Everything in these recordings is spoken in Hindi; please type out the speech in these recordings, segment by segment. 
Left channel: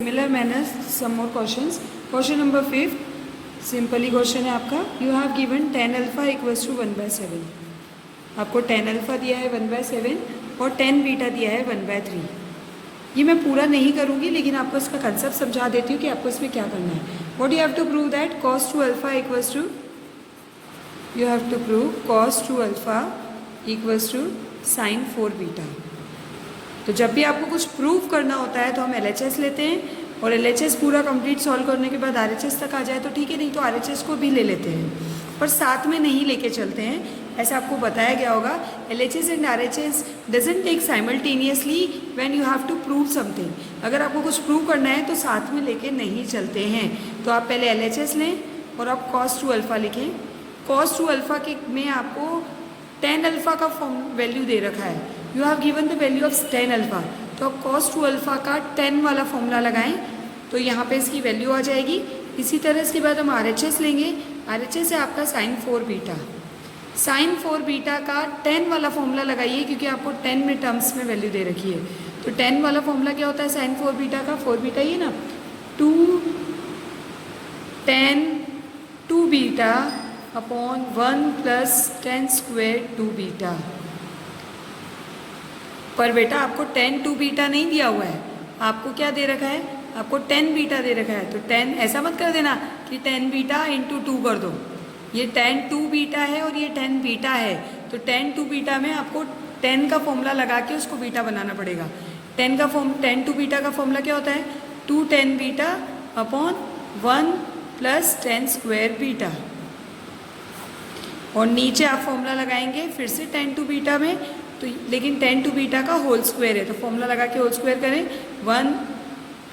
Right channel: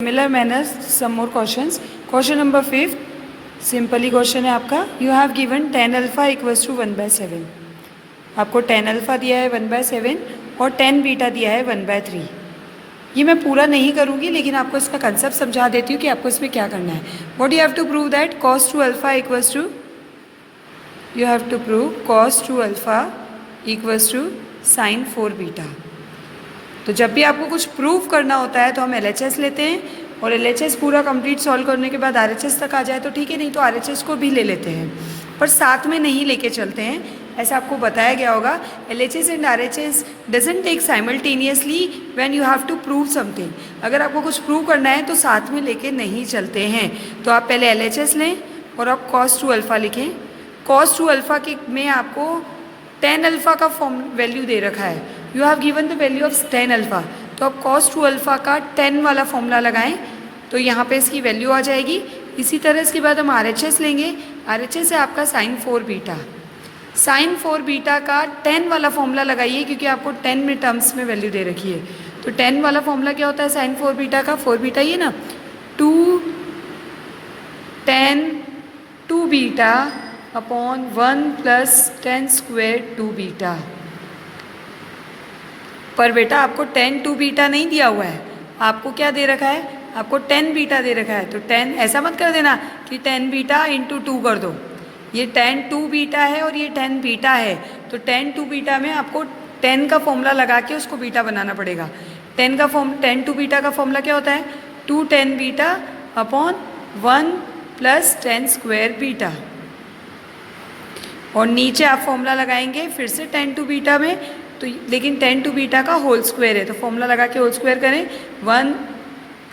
Similar manner, some more questions. Question number 5, simple ही क्वेश्चन है आपका. You have given tan alpha equals to 1/7. आपको tan अल्फा दिया है 1/7 और tan बीटा दिया है 1/3. ये मैं पूरा नहीं करूँगी लेकिन आपको इसका कंसेप्ट समझा देती हूँ कि आपको इसमें क्या करना है. What you have to prove that cos 2 alpha equals to, you have to prove cos 2 alpha equals to sin 4 beta. तो जब भी आपको कुछ प्रूव करना होता है तो हम LHS लेते हैं और LHS पूरा कंप्लीट सॉल्व करने के बाद RHS तक आ जाए तो ठीक है, नहीं तो RHS को भी ले लेते हैं, पर साथ में नहीं लेके चलते हैं. ऐसा आपको बताया गया होगा. LHS and RHS doesn't take simultaneously when you have to prove something. अगर आपको कुछ प्रूव करना है तो साथ में लेके नहीं चलते हैं. तो आप पहले LHS लें और आप cos 2 अल्फा लिखें. cos 2 अल्फा के में आपको tan अल्फा का फॉर्म वैल्यू दे रखा है. You have given the value of tan alpha, तो आप cos 2 अल्फा का tan वाला फॉर्मूला लगाएं तो यहाँ पे इसकी वैल्यू आ जाएगी. इसी तरह इसके बाद हम RHS लेंगे. RHS है आपका sin 4 बीटा. sin 4 बीटा का tan वाला फॉर्मूला लगाइए क्योंकि आपको tan में टर्म्स में वैल्यू दे रखी है. तो tan वाला फॉर्मूला क्या होता है sin 4 बीटा का? 4 बीटा ये ना 2 tan 2 beta upon 1 plus tan square 2 beta. पर बेटा आपको tan 2 बीटा नहीं दिया हुआ है, आपको क्या दे रखा है? आपको tan बीटा दे रखा है. तो tan ऐसा मत कर देना कि tan बीटा इंटू 2 कर दो. ये tan 2 बीटा है और ये tan बीटा है. तो tan 2 बीटा में आपको tan का फॉर्मूला लगा के उसको बीटा बनाना पड़ेगा. tan 2 बीटा का फॉर्मूला क्या होता है? 2 tan beta upon 1 plus tan square beta. और नीचे आप फॉर्मूला लगाएंगे फिर से tan 2 बीटा में, तो लेकिन tan 2 बीटा का होल स्क्वायर है तो फॉर्मूला लगा के होल स्क्वायर करें. 1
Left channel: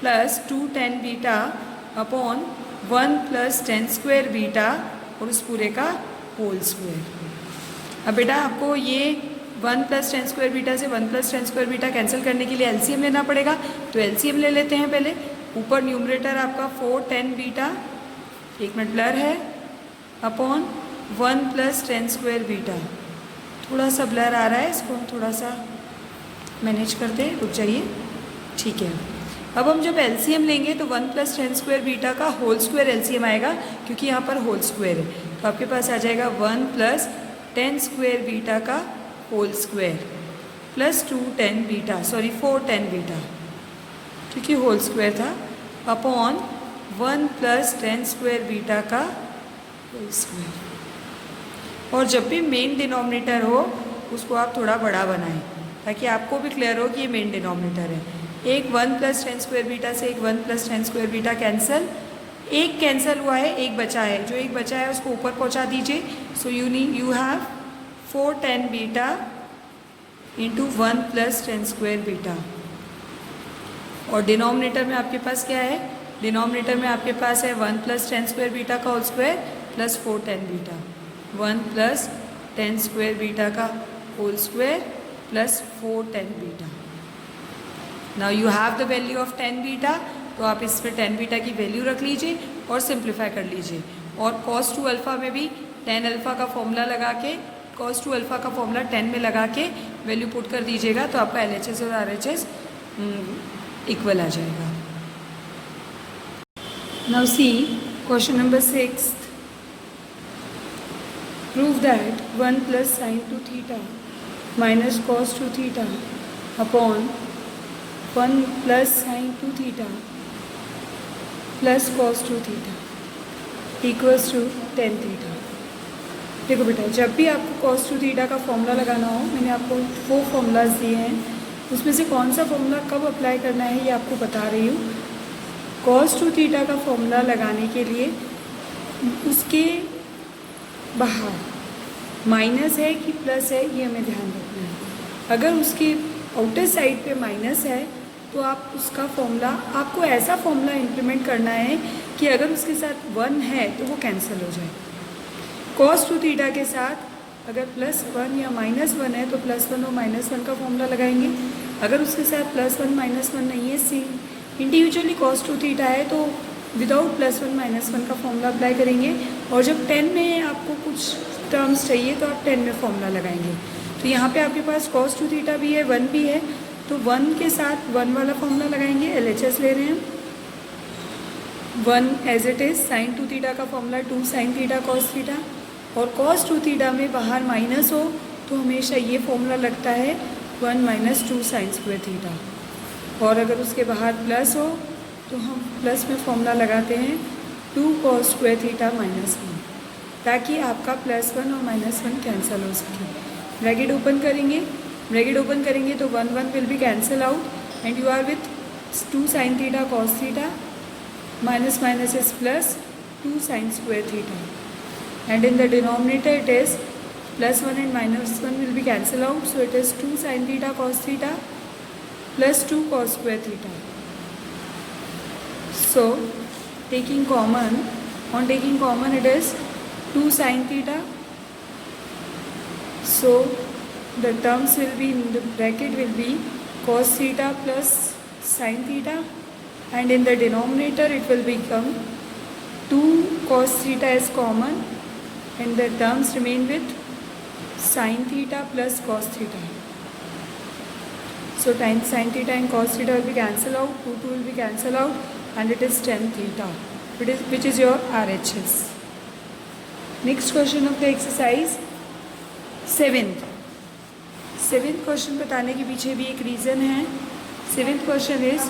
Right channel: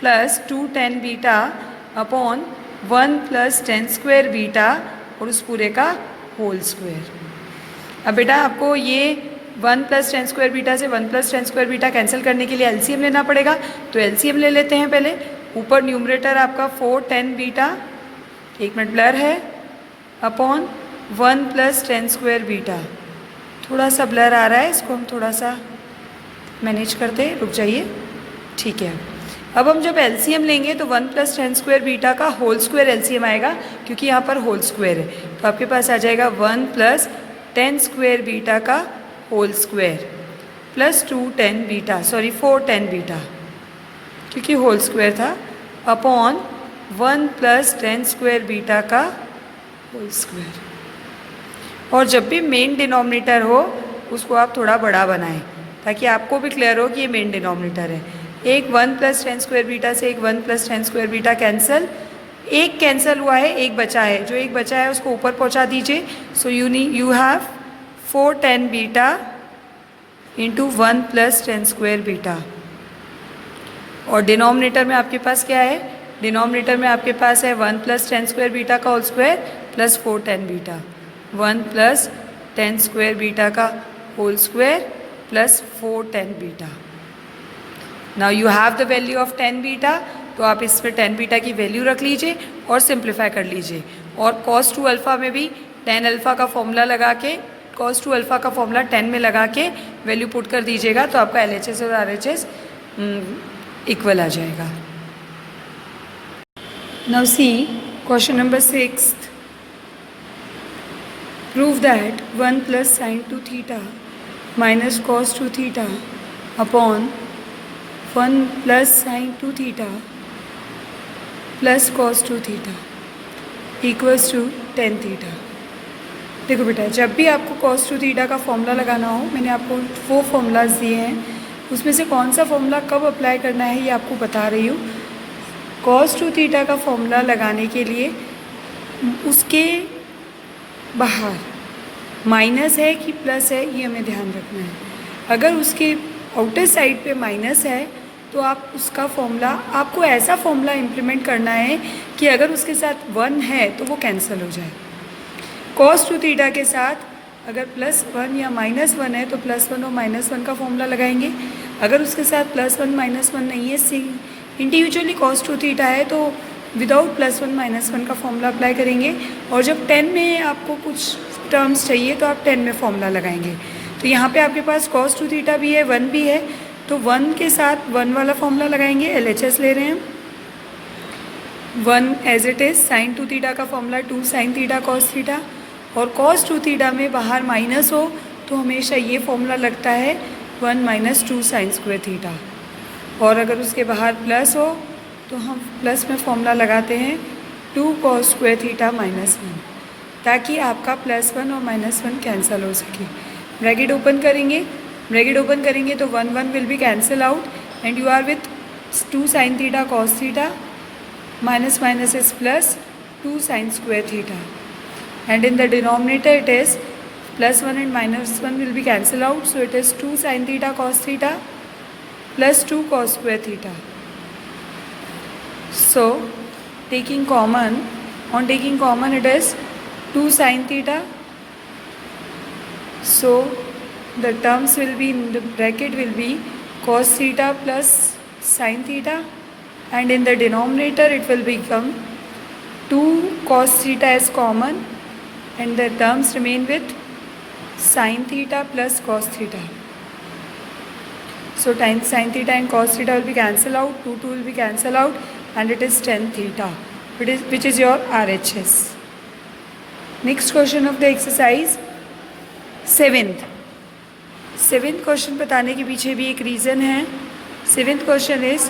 plus 2 tan beta upon 1 plus tan square beta और उस पूरे का होल स्क्वायर. अब बेटा आपको ये 1 प्लस tan स्क्वायर बीटा से 1 plus tan square beta cancel करने के लिए LCM लेना पड़ेगा. तो LCM ले लेते हैं पहले. ऊपर न्यूमरेटर आपका 4 tan बीटा, एक मिनट ब्लर है, upon 1 plus tan square beta. थोड़ा सा ब्लर आ रहा है, इसको हम थोड़ा सा मैनेज करते हैं, रुक जाइए. ठीक है. अब हम जब LCM लेंगे तो 1 प्लस tan स्क्वायर बीटा का होल स्क्वायर LCM आएगा क्योंकि यहाँ पर होल स्क्वायर है. तो आपके पास आ जाएगा 1 प्लस tan स्क्वायर बीटा का whole square plus 2 tan beta, sorry 4 tan beta, क्योंकि होल स्क्वायर था, upon 1 plus tan square beta का होल स्क्वायर. और जब भी मेन डिनोमिनेटर हो उसको आप थोड़ा बड़ा बनाएं ताकि आपको भी क्लियर हो कि ये मेन डिनोमिनेटर है. एक 1 प्लस tan स्क्वायर बीटा से एक 1 plus tan square beta cancel, एक कैंसिल हुआ है, एक बचा है. जो एक बचा है उसको ऊपर पहुंचा दीजिए. So you have 4 tan beta into 1 plus tan square beta. और डिनोमिनेटर में आपके पास क्या है? डिनोमिनेटर में आपके पास है 1 प्लस tan स्क्वायर बीटा का whole square plus 4 tan beta. 1 plus tan square beta का whole square plus 4 tan beta. Now you have the value of tan beta, तो आप इसमें tan बीटा की वैल्यू रख लीजिए और सिंप्लीफाई कर लीजिए. और cos 2 अल्फा में भी tan अल्फा का फॉर्मूला लगा के, cos 2 अल्फा का फॉर्मूला tan में लगा के वैल्यू पुट कर दीजिएगा तो आपका LHS और RHS इक्वल आ जाएगा. Now see question number 6. Prove that 1 plus sin 2 theta minus cos 2 theta upon 1 plus sin 2 theta plus cos 2 theta equals to tan theta. देखो बेटा, जब भी आपको cos 2 theta का फॉर्मूला लगाना हो, मैंने आपको वो फॉर्मूलाज दिए हैं, उसमें से कौन सा फॉर्मूला कब अप्लाई करना है ये आपको बता रही हूँ. cos 2 theta का फॉर्मूला लगाने के लिए उसके बाहर माइनस है कि प्लस है ये हमें ध्यान रखना है. अगर उसके आउटर साइड पे माइनस है तो आप उसका फॉर्मूला, आपको ऐसा फॉर्मूला इम्प्लीमेंट करना है कि अगर उसके साथ 1 है तो वो कैंसिल हो जाए. cos 2 थीटा के साथ अगर +1 या -1 है तो +1 और -1 का फॉर्मूला लगाएंगे. अगर उसके साथ +1 -1 नहीं है, इंडिविजुअली cos 2 थीटा है तो विदाउट +1 -1 का फॉर्मूला अप्लाई करेंगे. और जब 10 में आपको कुछ टर्म्स चाहिए तो आप 10 में फॉर्मूला लगाएंगे. तो यहाँ पे आपके पास cos 2 थीटा भी है, 1 भी है, तो 1 के साथ 1 वाला फॉर्मूला लगाएंगे. LHS ले रहे हैं. 1 as it is sine 2 theta का formula 2 sine theta cos theta, और कॉस 2 थीटा में बाहर माइनस हो तो हमेशा ये फॉर्मूला लगता है 1 माइनस 2 साइन स्क्वायर थीटा, और अगर उसके बाहर प्लस हो तो हम प्लस में फॉर्मूला लगाते हैं 2 कॉस स्क्वायर थीटा माइनस 1, ताकि आपका +1 और -1 कैंसिल हो सके। ब्रैकेट ओपन करेंगे तो 1 1 will be cancel out and you are with 2 sine theta cos theta, minus minus is plus 2 sin square theta, and in the denominator it is +1 and -1 will be cancel out, so it is 2 sin theta cos theta plus 2 cos square theta. So taking common it is 2 sin theta, so the terms will be in the bracket will be cos theta plus sin theta, and in the denominator it will become 2 cos theta is common and the terms remain with sin theta plus cos theta. So sin theta and cos theta will be cancel out, 2 will be cancel out, and it is tan theta, which is your RHS. Next question of the exercise, 7th question बताने के पीछे भी एक रीज़न है. 7th question is